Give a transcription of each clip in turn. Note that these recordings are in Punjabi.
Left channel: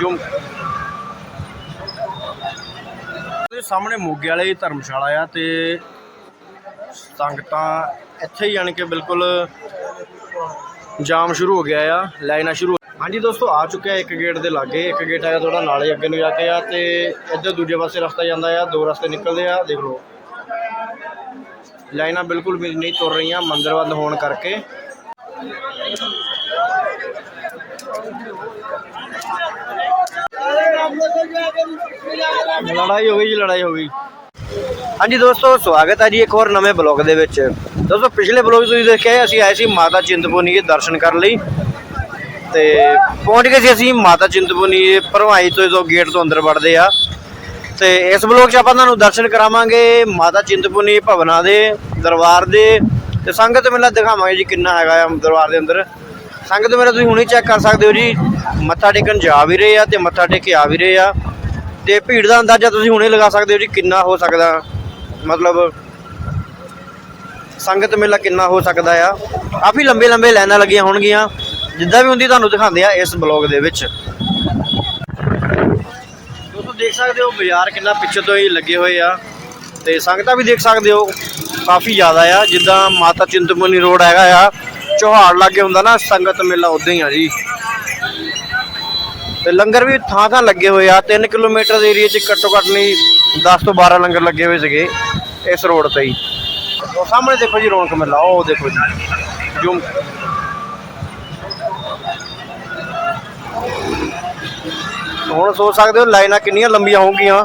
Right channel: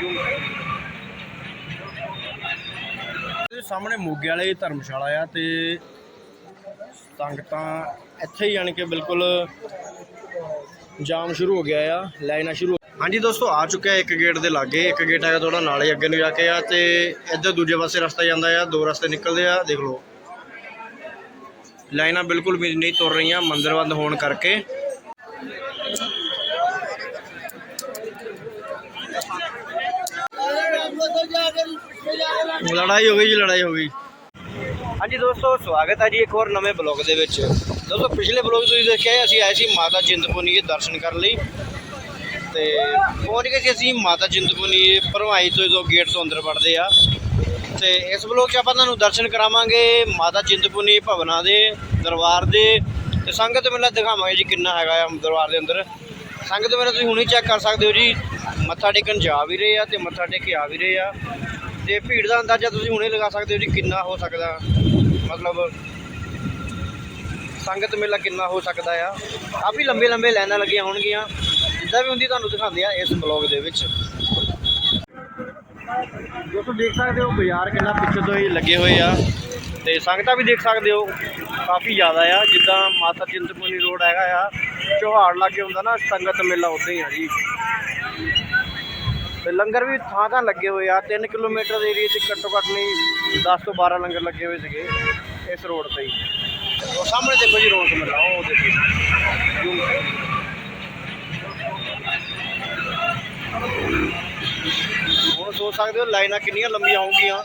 ਜੂਮ ਤੇ ਸਾਹਮਣੇ ਮੋਗੇ ਵਾਲੇ ਧਰਮਸ਼ਾਲਾ ਆ ਤੇ ਸੰਗਤਾਂ ਇੱਥੇ ਹੀ ਆਣ ਕਿ ਬਿਲਕੁਲ ਜਾਮ ਸ਼ੁਰੂ ਹੋ ਗਿਆ ਆ, ਲਾਈਨਾਂ ਸ਼ੁਰੂ ਹਾਂਜੀ ਦੋਸਤੋ, ਆ ਚੁੱਕਿਆ ਇੱਕ ਗੇਟ ਦੇ ਲਾਗੇ, ਇੱਕ ਗੇਟ ਆਇਆ ਥੋੜਾ ਨਾਲੇ ਅੱਗੇ ਨੂੰ ਜਾ ਕੇ ਆ ਤੇ ਇੱਧਰ ਦੂਜੇ ਪਾਸੇ ਰਸਤਾ ਜਾਂਦਾ ਆ, ਦੋ ਰਸਤੇ ਨਿਕਲਦੇ ਆ, ਦੇਖ ਲਓ। ਲਾਈਨਾਂ ਬਿਲਕੁਲ ਵੀ ਨਹੀਂ ਤੁਰ ਰਹੀਆਂ, ਮੰਦਰ ਬੰਦ ਹੋਣ ਕਰਕੇ। ਲੜਾਈ ਹੋ ਗਈ ਜੀ, ਲੜਾਈ ਹੋ ਗਈ। ਹਾਂਜੀ ਦੋਸਤੋ, ਸਵਾਗਤ ਹੈ ਜੀ ਇੱਕ ਹੋਰ ਨਵੇਂ ਬਲੌਗ ਦੇ ਵਿੱਚ। ਦੋਸਤੋ, ਪਿਛਲੇ ਬਲੌਗ ਤੁਸੀਂ ਦੇਖਿਆ ਅਸੀਂ ਆਏ ਸੀ ਮਾਤਾ ਚਿੰਤਪੁਰਨੀ ਦੇ ਦਰਸ਼ਨ ਕਰਨ ਲਈ। ਤੇ ਪਹੁੰਚ ਗਏ ਸੀ ਅਸੀਂ ਮਾਤਾ ਚਿੰਤਪੁਰਨੀ ਦੇ ਭਰਵਾਈ ਤੋਂ, ਜਦੋਂ ਗੇਟ ਤੋਂ ਅੰਦਰ ਵੜਦੇ ਆ। ਤੇ ਇਸ ਬਲੌਗ 'ਚ ਆਪਾਂ ਤੁਹਾਨੂੰ ਦਰਸ਼ਨ ਕਰਾਵਾਂਗੇ ਮਾਤਾ ਚਿੰਤਪੁਰਨੀ ਭਵਨਾ ਦੇ, ਦਰਬਾਰ ਦੇ। ਤੇ ਸੰਗਤ ਮੇਲਾ ਦਿਖਾਵਾਂਗੇ ਜੀ ਕਿੰਨਾ ਹੈਗਾ ਆ ਦਰਬਾਰ ਦੇ ਅੰਦਰ। ਸੰਗਤ ਮੇਲਾ ਤੁਸੀਂ ਹੁਣੇ ਚੈੱਕ ਕਰ ਸਕਦੇ ਹੋ ਜੀ। ਮੱਥਾ ਟੇਕਣ ਜਾ ਵੀ ਰਹੇ ਆ ਤੇ ਮੱਥਾ ਟੇਕ ਕੇ ਆ ਵੀ ਰਹੇ ਆ। ਤੇ ਭੀੜ ਦਾ ਅੰਦਾਜ਼ਾ ਤੁਸੀਂ ਹੁਣੇ ਲਗਾ ਸਕਦੇ ਹੋ ਜੀ ਕਿੰਨਾ ਹੋ ਸਕਦਾ। ਮਤਲਬ ਸੰਗਤ ਮੇਲਾ ਕਿੰਨਾ ਹੋ ਸਕਦਾ ਆ। ਕਾਫੀ ਲੰਬੇ ਲੰਬੇ ਲਾਈਨਾਂ ਲੱਗੀਆਂ ਹੋਣਗੀਆਂ। ਜਿੱਦਾਂ ਵੀ ਹੁੰਦੀ ਤੁਹਾਨੂੰ ਦਿਖਾਉਂਦੇ ਆ ਇਸ ਬਲੌਗ ਦੇ ਵਿੱਚ। ਦੋਸਤੋ ਦੇਖ ਸਕਦੇ ਹੋ ਬਾਜ਼ਾਰ ਕਿੰਨਾ ਪਿੱਛੇ ਤੋਂ ਹੀ ਲੱਗੇ ਹੋਏ ਆ। ਤੇ ਸੰਗਤਾਂ ਵੀ ਦੇਖ ਸਕਦੇ ਹੋ, ਕਾਫੀ ਜ਼ਿਆਦਾ ਆ। ਜਿੱਦਾਂ ਮਾਤਾ ਚਿੰਤਪੁਰਨੀ ਰੋਡ ਹੈਗਾ ਆ। ਚੋਹਾੜ ਲਾਗੇ ਹੁੰਦਾ ਨਾ ਸੰਗਤ ਮੇਲਾ, ਉਦਾਂ ਹੀ ਆ ਜੀ। ਤੇ ਲੰਗਰ ਵੀ ਥਾਂ ਥਾਂ ਲੱਗੇ ਹੋਏ ਆ। 3 ਕਿਲੋਮੀਟਰ ਦੇ ਏਰੀਆ 'ਚ ਘੱਟੋ ਘੱਟ ਨਹੀਂ 10 ਤੋਂ 12 ਲੰਗਰ ਲੱਗੇ ਹੋਏ ਸੀਗੇ ਇਸ ਰੋਡ ਤੇ ਹੀ। ਉਹ ਸਾਹਮਣੇ ਦੇਖੋ ਜੀ ਰੌਣਕ ਮੇਲਾ, ਉਹ ਦੇਖੋ ਜੀ। ਜੂਮ। ਹੁਣ ਸੋਚ ਸਕਦੇ ਹੋ ਲਾਈਨਾਂ ਕਿੰਨੀਆਂ ਲੰਬੀਆਂ ਹੋਣਗੀਆਂ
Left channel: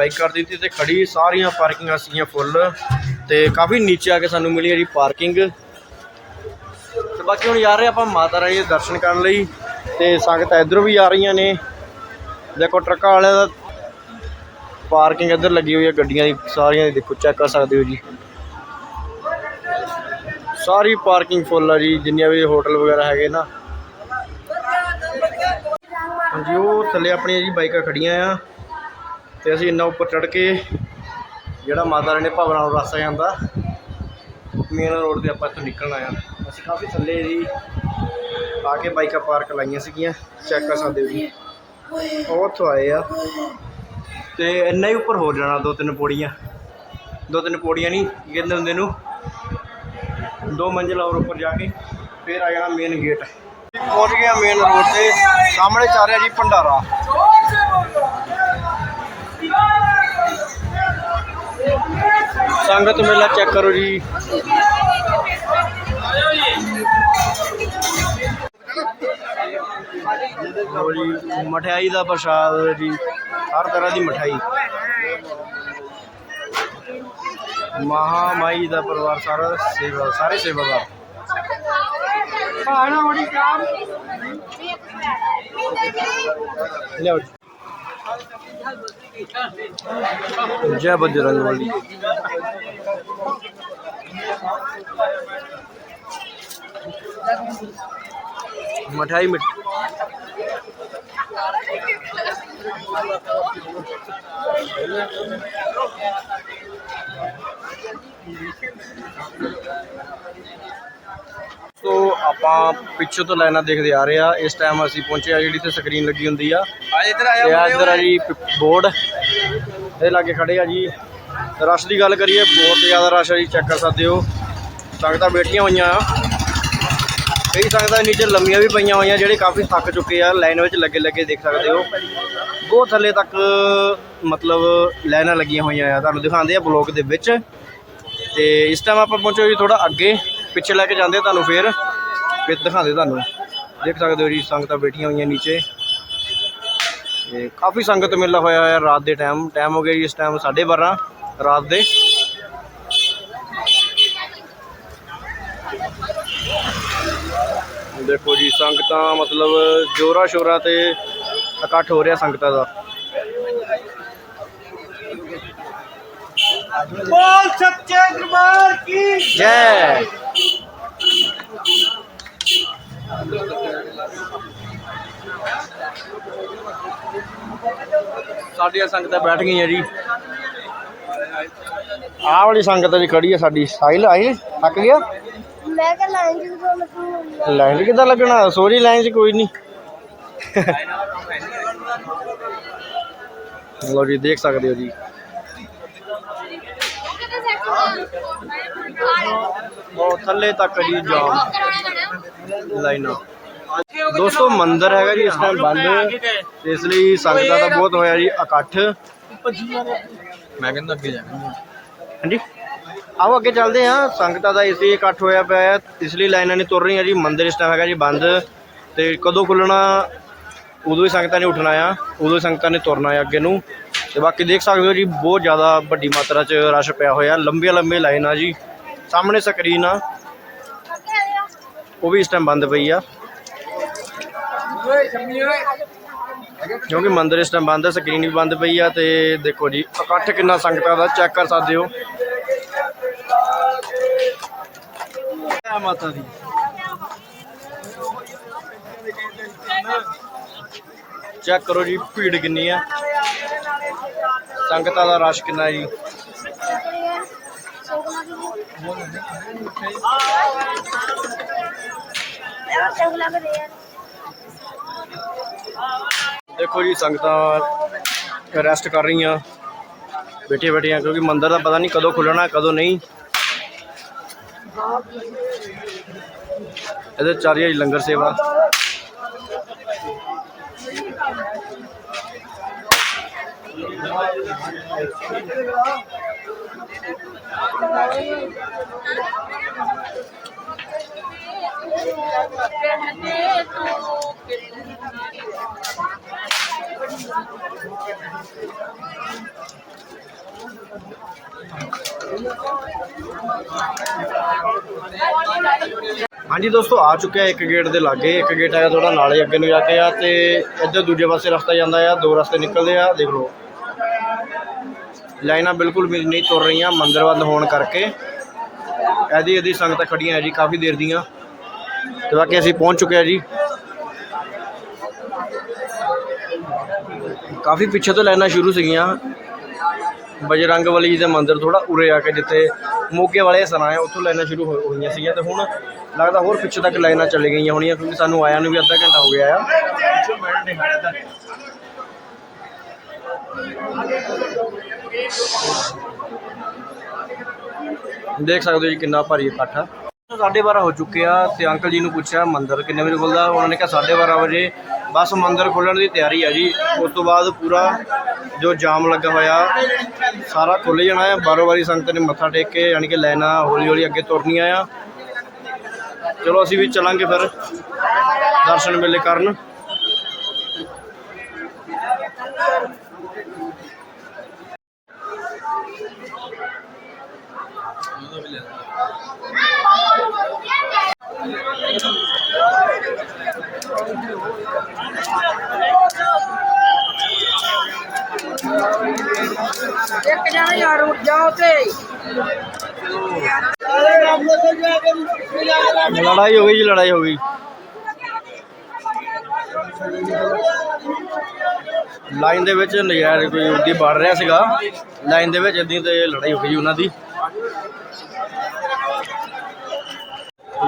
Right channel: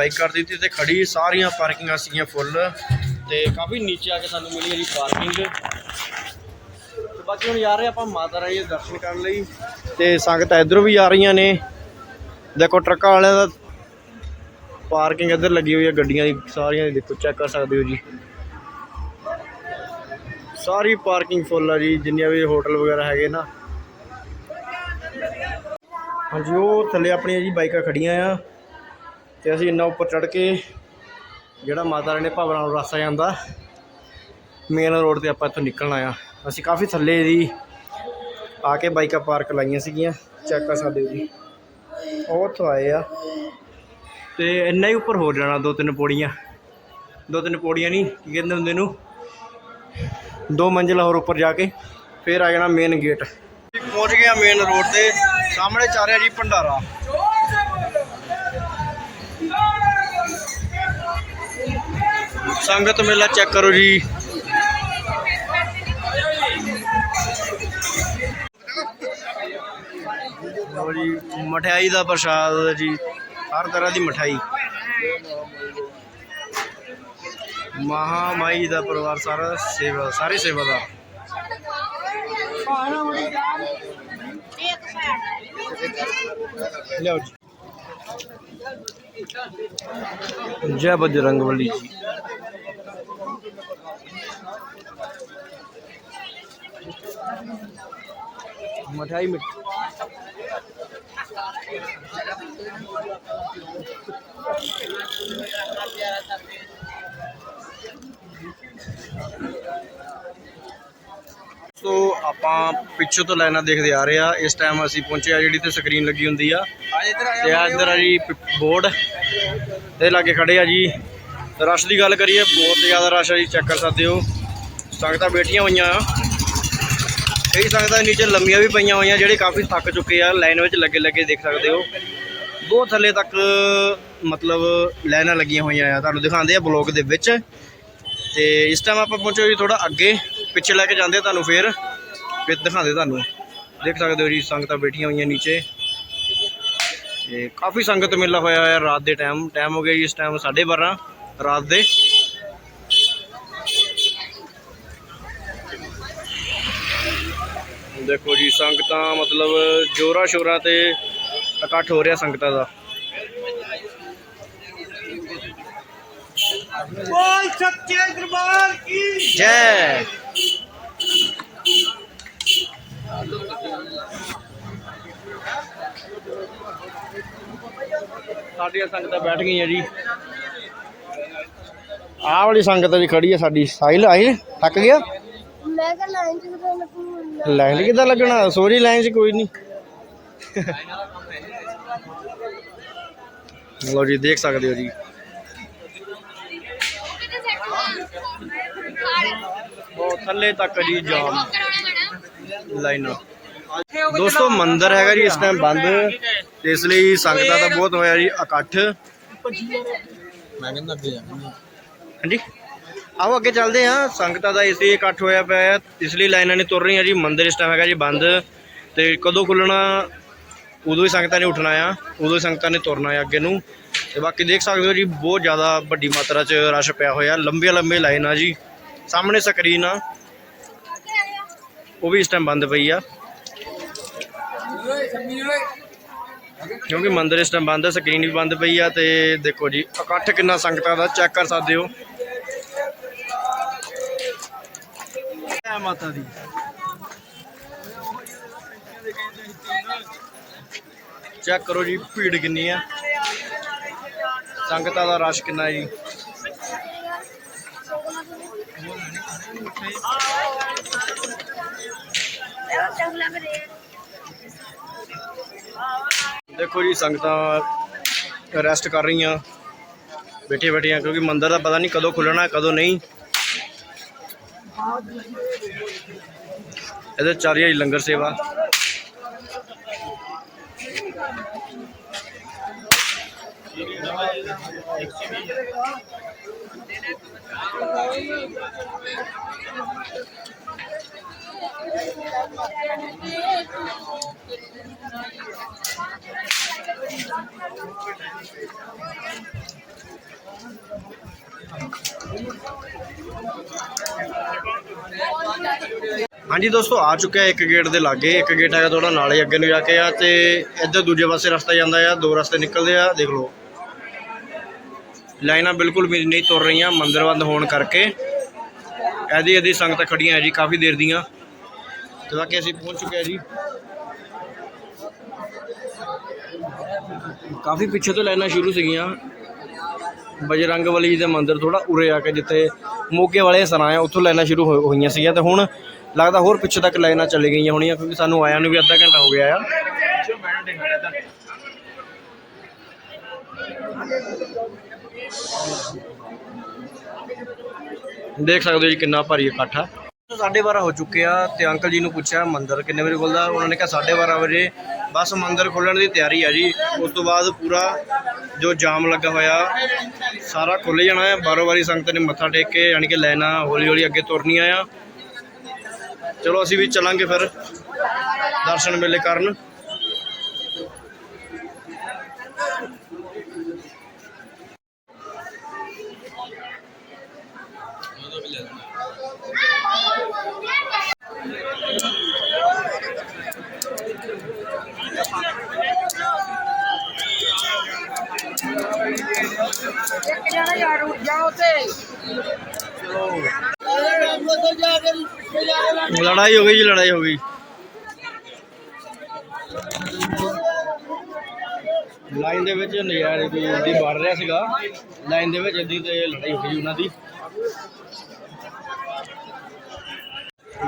ਬਾਈਕ ਕਰ ਦਿੱਤੀ ਤੇ ਖੜੀ ਸਾਰੀਆਂ ਪਾਰਕਿੰਗਾਂ ਸੀਗੀਆਂ ਫੁੱਲ ਤੇ ਕਾਫੀ ਨੀਚੇ ਆ ਕੇ ਸਾਨੂੰ ਮਿਲੀ ਹੈ ਜੀ ਪਾਰਕਿੰਗ। ਤੇ ਬਾਕੀ ਹੁਣ ਜਾ ਰਹੇ ਆਪਾਂ ਮਾਤਾ ਰਾਣੀ ਦੇ ਦਰਸ਼ਨ ਕਰਨ ਲਈ ਤੇ ਸੰਗਤਾਂ ਇਧਰੋਂ ਵੀ ਆ ਰਹੀਆਂ ਨੇ। ਦੇਖੋ ਟਰੱਕਾਂ ਵਾਲਿਆਂ ਦਾ ਪਾਰਕਿੰਗ ਇੱਧਰ ਲੱਗੀ ਹੋਈ ਹੈ, ਗੱਡੀਆਂ ਦੀ ਸਾਰੀਆਂ ਦੀ ਦੇਖੋ ਚੈੱਕ ਕਰ ਸਕਦੇ ਹੋ ਜੀ। ਸਾਰੀ ਪਾਰਕਿੰਗ ਫੁੱਲ ਆ ਜੀ, ਜਿੰਨੀਆਂ ਵੀ ਹੋਟਲ ਵਗੈਰਾ ਹੈਗੇ ਨਾ। ਹਾਂਜੀ, ਉਹ ਥੱਲੇ ਆਪਣੀਆਂ ਜੀ ਬਾਈਕਾਂ ਖੜੀਆਂ ਆ। ਤੇ ਅਸੀਂ ਇੰਨਾ ਉੱਪਰ ਚੜ ਕੇ ਜਿਹੜਾ ਮਾਤਾ ਰਾਣੀ ਦੇ ਭਵਨਾਂ ਨੂੰ ਰਸਤਾ ਜਾਂਦਾ ਮੇਨ ਰੋਡ ਤੇ ਆਪਾਂ ਇੱਥੋਂ ਨਿਕਲਣਾ ਆ ਅਸੀਂ ਕਾਫੀ ਥੱਲੇ ਜੀ ਆ ਕੇ ਬਾਈਕਾਂ ਪਾਰਕ ਲਾਈਆਂ ਸੀਗੀਆਂ ਚੈੱਕ ਕਰ ਸਕਦੇ ਹੋ ਜੀ ਉਹ ਉੱਥੋਂ ਆਏ ਆ। ਤੇ ਇੰਨਾ ਹੀ ਉੱਪਰ ਹੋ ਜਾਣਾ ਦੋ ਤਿੰਨ ਪੌੜੀਆਂ। ਦੋ ਤਿੰਨ ਪੌੜੀਆਂ ਨਹੀਂ ਕੀ ਕਹਿੰਦੇ ਹੁੰਦੇ ਨੂੰ, ਦੋ ਮੰਜ਼ਿਲ ਹੋਰ ਉੱਪਰ ਜਾ ਕੇ ਫਿਰ ਆ ਜਾਣਾ ਮੇਨ ਗੇਟ ਪਹੁੰਚ ਗਿਆ ਮੇਨ ਰੋਡ ਤੇ, ਸਾਹਮਣੇ ਚੱਲ ਰਿਹਾ ਜੀ ਭੰਡਾਰਾ। ਸੰਗਤ ਮੇਲਾ ਚੈੱਕ ਕਰੋ ਜੀ। ਲਓ ਜੀ ਮਠਿਆਈ ਦਾ ਪ੍ਰਸ਼ਾਦ ਜੀ ਹਰ ਤਰ੍ਹਾਂ ਦੀ ਮਠਿਆਈ। ਮਹਾ ਮਾਈ ਦਾ ਪਰਿਵਾਰ ਸਾਰਾ ਸੇਵਾ ਸਾਰੇ ਸੇਵਾਦਾਰ। ਲਿਆਓ ਜੀ। ਜੈ ਬਜਰੰਗ ਬਲੀ ਮਠਾਈ ਮਿੱਠ ਸੋ ਆਪਾਂ ਪਿੱਛੋਂ ਤੋਂ ਲਾਈਨਾਂ ਦੇਖਦੇ ਆ ਰਹੇ ਆ। ਇਸ ਟਾਈਮ ਅਸੀਂ ਪਹੁੰਚੇ ਆ ਜਿਹੜੀ ਤੇ ਸਕਰੀਨ ਲੱਗੀ ਹੁੰਦੀ ਆ। ਤੇ ਆ ਇੱਧਰ ਆ ਜੀ ਬੋਰਡ ਤੇ ਲਾਗੇ ਖੜੇ ਆ ਜੀ। ਰਸ਼ ਦੀ ਗੱਲ ਕਰੀਏ ਬਹੁਤ ਜ਼ਿਆਦਾ ਰਸ਼ ਆ ਜੀ ਚੈੱਕ ਕਰ ਸਕਦੇ ਹੋ। ਸੰਗਤਾਂ ਬੈਠੀਆਂ ਹੋਈਆਂ। ਆ ਕਈ ਸੰਗਤਾਂ ਨੀਚੇ ਲੰਮੀਆਂ ਵੀ ਪਈਆਂ ਹੋਈਆਂ ਜਿਹੜੇ ਕਾਫੀ ਥੱਕ ਚੁੱਕੇ ਆ। ਲਾਈਨ ਵਿੱਚ ਲੱਗੇ ਲੱਗੇ ਦੇਖ ਸਕਦੇ ਹੋ। ਬਹੁਤ ਥੱਲੇ ਤੱਕ ਮਤਲਬ ਲਾਈਨਾਂ ਲੱਗੀਆਂ ਹੋਈਆਂ ਆ। ਤੁਹਾਨੂੰ ਦਿਖਾਉਂਦੇ ਆ ਬਲੌਗ ਦੇ ਵਿੱਚ। ਤੇ ਇਸ ਟਾਈਮ ਆਪਾਂ ਪਹੁੰਚੋ ਜੀ ਥੋੜਾ ਅੱਗੇ। ਪਿੱਛੇ ਲੈ ਕੇ ਜਾਂਦੇ ਤੁਹਾਨੂੰ ਫੇਰ? ਫਿਰ ਦਿਖਾਉਂਦੇ ਤੁਹਾਨੂੰ। ਦੇਖ ਸਕਦੇ ਹੋ ਜੀ ਸੰਗਤਾਂ ਬੈਠੀਆਂ ਹੋਈਆਂ ਨੀਚੇ। ਇਹ ਕਾਫੀ ਸੰਗਤ ਮੇਲਾ ਹੋਇਆ ਹੋਇਆ ਰਾਤ ਦੇ ਟਾਈਮ ਟਾਈਮ ਹੋ ਗਿਆ ਜੀ ਇਸ ਟਾਈਮ 12:30 ਰਾਤ ਦੇ। ਦੇਖੋ ਜੀ ਸੰਗਤਾਂ ਮਤਲਬ ਜੋਰਾ ਸ਼ੋਰਾ ਤੇ ਇਕੱਠ ਹੋ ਰਿਹਾ ਸੰਗਤਾਂ ਦਾ। ਬੋਲ ਸੱਚੇ ਦਰਬਾਰ ਕੀ? ਜੈ। ਸਾਡੀਆਂ ਸੰਗਤਾਂ ਬੈਠ ਗਈਆਂ ਜੀ। ਆਹ ਵਾਲੀ ਸੰਗਤ ਜੀ ਖੜੀ ਹੈ ਸਾਡੀ। ਸਾਹਿਲ ਆਈ ਥੱਕ ਗਿਆ? ਮੈਂ ਕਿਹਾ ਲਾਈਨ ਚ ਕਿਦੋਂ ਲੱਗੂ। ਲਾਈਨ ਕਿੱਦਾਂ ਲੱਗਣਾ? ਸੋਰੀ ਲਾਈਨ 'ਚ ਕੋਈ ਨਹੀਂ ਲੋ ਜੀ ਦੇਖ ਸਕਦੇ ਹੋ ਜੀ। ਥੱਲੇ ਤੱਕ ਜੀ ਜਾਮ। ਲਾਈਨਾਂ। ਦੋਸਤੋ ਮੰਦਿਰ ਹੈਗਾ ਜੀ ਇਸ ਟਾਈਮ ਬੰਦ। ਤੇ ਇਸ ਲਈ ਸੰਗਤਾਂ ਦਾ ਬਹੁਤ ਹੋਇਆ ਜੀ ਇਕੱਠ। ਮੈਂ ਕਹਿੰਦਾ ਅੱਗੇ ਜਾਣਾ ਹਾਂਜੀ? ਆਓ ਅੱਗੇ ਚੱਲਦੇ ਹਾਂ। ਸੰਗਤਾਂ ਦਾ ਇਸ ਲਈ ਇਕੱਠ ਹੋਇਆ ਪਿਆ ਹੈ। ਇਸ ਲਈ ਲਾਈਨਾਂ ਨਹੀਂ ਤੁਰ ਰਹੀਆਂ ਜੀ। ਮੰਦਿਰ ਇਸ ਟਾਈਮ ਹੈਗਾ ਜੀ ਬੰਦ। ਤੇ ਕਦੋਂ ਖੁੱਲਣਾ ਉਦੋਂ ਹੀ ਸੰਗਤਾਂ ਨੇ ਉੱਠਣਾ ਆ। ਉਦੋਂ ਹੀ ਸੰਗਤਾਂ ਨੇ ਤੁਰਨਾ ਆ ਅੱਗੇ ਨੂੰ। ਤੇ ਬਾਕੀ ਦੇਖ ਸਕਦੇ ਹੋ ਜੀ ਬਹੁਤ ਜ਼ਿਆਦਾ ਵੱਡੀ ਮਾਤਰਾ 'ਚ ਰਸ਼ ਪਿਆ ਹੋਇਆ। ਲੰਬੀਆਂ ਲੰਬੀਆਂ ਲਾਈਨਾਂ ਜੀ। ਸਾਹਮਣੇ ਸਕਰੀਨ ਆ। ਉਹ ਵੀ ਇਸ ਟਾਈਮ ਬੰਦ ਪਈ ਆ। ਕਿਉਂਕਿ ਮੰਦਿਰ ਇਸ ਟਾਈਮ ਬੰਦ ਹੈ ਸਕਰੀਨ ਵੀ ਬੰਦ ਪਈ ਆ ਤੇ ਦੇਖੋ ਜੀ, ਇਕੱਠ ਕਿੰਨਾ ਸੰਗਤਾਂ ਦਾ ਚੈੱਕ ਕਰ ਸਕਦੇ ਹੋ। ਜੈ ਮਾਤਾ ਦੀ। ਚੈੱਕ ਕਰੋ ਜੀ, ਭੀੜ ਕਿੰਨੀ ਆ। ਸੰਗਤਾਂ ਦਾ ਰਸ਼ ਕਿੰਨਾ ਹੈ ਜੀ ਅਗਲਾ ਕਰੇ ਯਾਰ। ਦੇਖੋ ਜੀ, ਸੰਗਤਾਂ ਰੈਸਟ ਕਰ ਰਹੀਆਂ। ਬੈਠੀਆਂ ਬੈਠੀਆਂ, ਕਿਉਂਕਿ ਮੰਦਿਰ ਦਾ ਪਤਾ ਨਹੀਂ ਕਦੋਂ ਖੁੱਲਣਾ, ਕਦੋਂ ਨਹੀਂ। ਇਹਦੇ ਚਾਰਿਆ ਹੀ ਲੰਗਰ ਸੇਵਾ। ਹਾਂਜੀ ਦੋਸਤੋ, ਆ ਚੁੱਕਿਆ ਇੱਕ ਗੇਟ ਦੇ ਲਾਗੇ। ਇੱਕ ਗੇਟ ਆਇਆ ਥੋੜਾ ਨਾਲੇ ਅੱਗੇ ਨੂੰ ਜਾ ਕੇ ਆ ਤੇ ਇੱਧਰ ਦੂਜੇ ਪਾਸੇ ਰਸਤਾ ਜਾਂਦਾ ਆ। ਦੋ ਰਸਤੇ ਨਿਕਲਦੇ ਆ, ਦੇਖ ਲਓ। ਲਾਈਨਾਂ ਬਿਲਕੁਲ ਵੀ ਨਹੀਂ ਤੁਰ ਰਹੀਆਂ, ਮੰਦਿਰ ਬੰਦ ਹੋਣ ਕਰਕੇ। ਇਹਦੀ ਇਹਦੀ ਸੰਗਤਾਂ ਖੜੀਆਂ ਹੈ ਜੀ, ਕਾਫੀ ਦੇਰ ਦੀਆਂ। ਤੇ ਬਾਕੀ ਅਸੀਂ ਪਹੁੰਚ ਚੁੱਕੇ ਆ ਜੀ। ਕਾਫੀ ਪਿੱਛੇ ਤੋਂ ਲਾਈਨਾਂ ਸ਼ੁਰੂ ਸੀਗੀਆਂ। ਬਜਰੰਗ ਬਲੀ ਦੇ ਮੰਦਿਰ ਥੋੜਾ ਉਰੇ ਆ ਕੇ ਜਿੱਥੇ ਮੋਗੇ ਵਾਲੇ ਸਰਾਂ ਆ, ਉੱਥੋਂ ਲਾਈਨਾਂ ਸ਼ੁਰੂ ਹੋ- ਹੋਈਆਂ ਸੀਗੀਆਂ ਤੇ ਹੁਣ ਲੱਗਦਾ ਹੋਰ ਪਿੱਛੇ ਤੱਕ ਲਾਈਨਾਂ ਚੱਲੀ ਗਈਆਂ ਹੋਣੀਆਂ ਕਿਉਂਕਿ ਸਾਨੂੰ ਆਇਆ ਨੂੰ ਵੀ ਅੱਧਾ ਘੰਟਾ ਹੋ ਗਿਆ ਆ। ਦੇਖ ਸਕਦੇ ਹੋ ਜੀ ਕਿੰਨਾ ਭਾਰੀ ਇਕੱਠ ਆ। ਸਾਢੇ ਬਾਰਾਂ ਹੋ ਚੁੱਕੇ ਆ ਤੇ ਅੰਕਲ ਜੀ ਨੂੰ ਪੁੱਛਿਆ, ਮੰਦਰ ਕਿੰਨੇ ਵਜੇ ਖੁੱਲਦਾ ਉਹਨਾਂ ਨੇ ਕਿਹਾ ਸਾਢੇ ਬਾਰਾਂ ਵਜੇ। ਬਸ ਮੰਦਰ ਖੁੱਲਣ ਦੀ ਤਿਆਰੀ ਹੈ ਜੀ। ਉਸ ਤੋਂ ਬਾਅਦ ਪੂਰਾ ਜੋ ਜਾਮ ਲੱਗਾ ਹੋਇਆ, ਸਾਰਾ ਖੁੱਲ ਜਾਣਾ ਹੈ। ਬਾਰੋ ਵਾਰੀ ਸੰਗਤ ਨੇ ਮੱਥਾ ਟੇਕ ਕੇ, ਯਾਨੀ ਕਿ ਲੈਣਾ ਹੌਲੀ ਹੌਲੀ ਅੱਗੇ ਤੁਰਨੀਆਂ ਆ ਚਲੋ, ਅਸੀਂ ਵੀ ਚਲਾਂਗੇ ਫਿਰ ਦਰਸ਼ਨ ਮੇਲੇ ਕਰਨ ਉਹਦਾ ਵੀ ਲੈ ਲੈਣਾ ਇੱਕ ਜਣਾ ਯਾਰ ਉੱਠ ਜਾਓ ਤੇ ਲੜਾਈ ਹੋ ਗਈ ਜੀ, ਲੜਾਈ ਹੋ ਗਈ। ਲਾਈਨ ਦੇ ਵਿੱਚ ਨਜ਼ਾਰੇ ਕੋਈ ਉੱਦੀ ਵੜ ਰਿਹਾ ਸੀਗਾ। ਲਾਈਨ ਦੇ ਵਿੱਚ ਇਦਾਂ ਤੇ ਲੜਾਈ ਹੋ ਗਈ ਉਹਨਾਂ ਦੀ।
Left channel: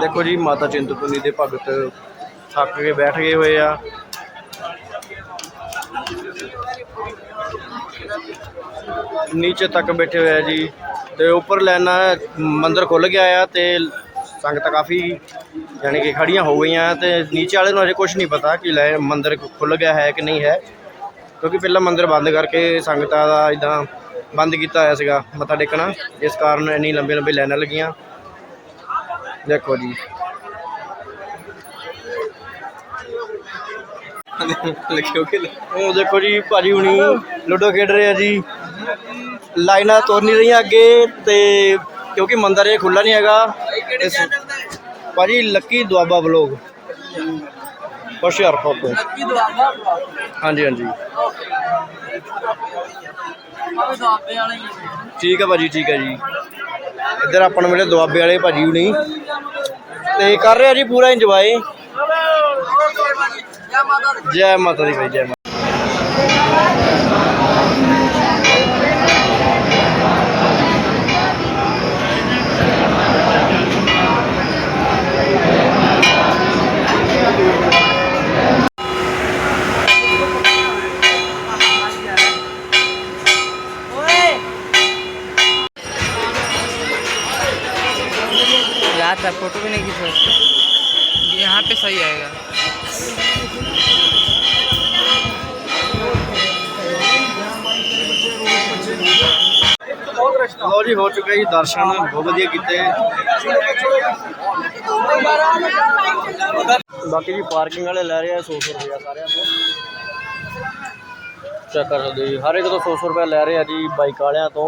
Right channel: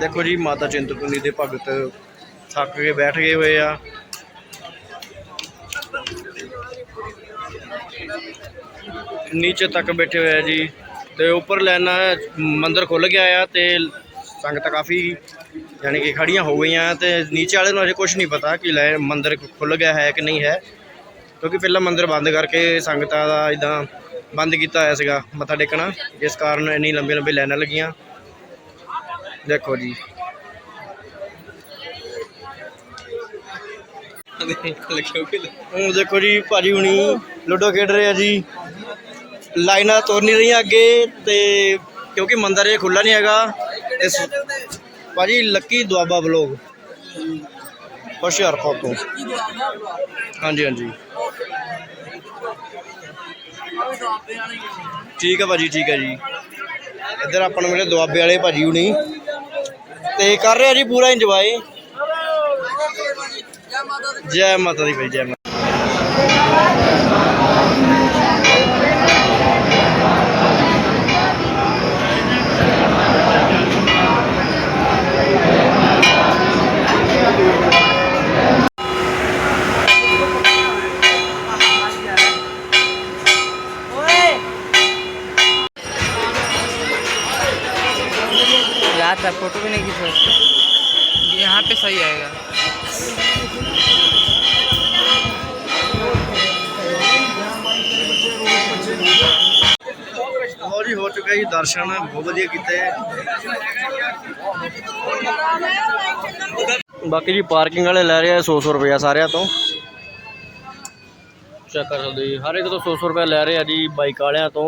ਦੇਖੋ ਜੀ, ਮਾਤਾ ਚਿੰਤਪੁਰਨੀ ਦੇ ਭਗਤ ਥੱਕ ਕੇ ਬੈਠ ਗਏ ਹੋਏ ਆ। ਨੀਚੇ ਤੱਕ ਬੈਠੇ ਹੋਏ ਆ ਜੀ। ਤੇ ਉੱਪਰ ਲੈਣਾ ਮੰਦਿਰ ਖੁੱਲ ਗਿਆ ਆ ਤੇ ਸੰਗਤ ਕਾਫੀ ਯਾਨੀ ਕਿ ਖੜੀਆਂ ਹੋ ਗਈਆਂ ਤੇ ਨੀਚੇ ਵਾਲੇ ਨੂੰ ਅਜੇ ਕੁਝ ਨਹੀਂ ਪਤਾ ਕਿ ਲੈ ਮੰਦਿਰ ਖੁੱਲ ਗਿਆ ਹੈ ਕਿ ਨਹੀਂ ਹੈ। ਕਿਉਂਕਿ ਪਹਿਲਾਂ ਮੰਦਿਰ ਬੰਦ ਕਰਕੇ ਸੰਗਤਾਂ ਦਾ ਇਦਾਂ ਬੰਦ ਕੀਤਾ ਹੋਇਆ ਸੀਗਾ ਮੱਥਾ ਟੇਕਣਾ। ਇਸ ਕਾਰਨ ਇੰਨੀ ਲੰਬੀ ਲੰਬੀ ਲਾਈਨਾਂ ਲੱਗੀਆਂ। ਦੇਖੋ ਜੀ। ਲਿਖਿਓ ਕਿ ਉਹ ਦੇਖੋ ਜੀ ਭਾਜੀ ਹੁਣੀ ਲੁੱਡੋ ਖੇਡ ਰਹੇ ਆ ਜੀ। ਲਾਈਨਾਂ ਤੁਰ ਨਹੀਂ ਰਹੀਆਂ ਅੱਗੇ ਤੇ ਕਿਉਂਕਿ ਮੰਦਿਰ ਇਹ ਖੁੱਲਾ ਨਹੀਂ ਹੈਗਾ। ਇਸ- ਭਾਜੀ ਲੱਕੀ ਦੁਆਬਾ ਬਲੋਗ। ਹੁਸ਼ਿਆਰਪੁਰ ਤੋਂ ਕੀ ਹਾਂਜੀ ਹਾਂਜੀ। ਆਵੇ ਦਾਬੇ ਵਾਲੇ ਠੀਕ ਹੈ ਭਾਜੀ ਠੀਕ ਹੈ ਜੀ। ਇੱਧਰ ਆਪਾਂ ਨੂੰ ਮਿਲੇ ਦੁਆਬੇ ਵਾਲੇ ਭਾਜੀ ਹੁਣੀ। ਤੇ ਕਰ ਰਿਹਾ ਜੀ ਪੂਰਾ ਇੰਜੋਏ ਜੈ ਮਾਤਾ ਦੀ। ਭਾਈ ਜੈ ਮਾਤਾ ਜੀ ਹੋ ਚੁੱਕੇ ਜੀ ਦਰਸ਼ਨ ਬਹੁਤ ਵਧੀਆ ਕੀਤੇ ਬਾਕੀ ਜੀ ਪਾਰਕਿੰਗ ਵਾਲੇ ਲੈ ਰਹੇ ਆ 100 100 ਰੁਪਇਆ ਸਾਰਿਆਂ ਤੋਂ। ਚੈੱਕ ਕਰ ਸਕਦੇ ਜੀ ਹਰ ਇੱਕ ਤੋਂ 100 100 ਰੁਪਇਆ ਲੈ ਰਹੇ ਆ ਜੀ ਬਾਈਕ ਵਾਲਿਆਂ ਤੋਂ।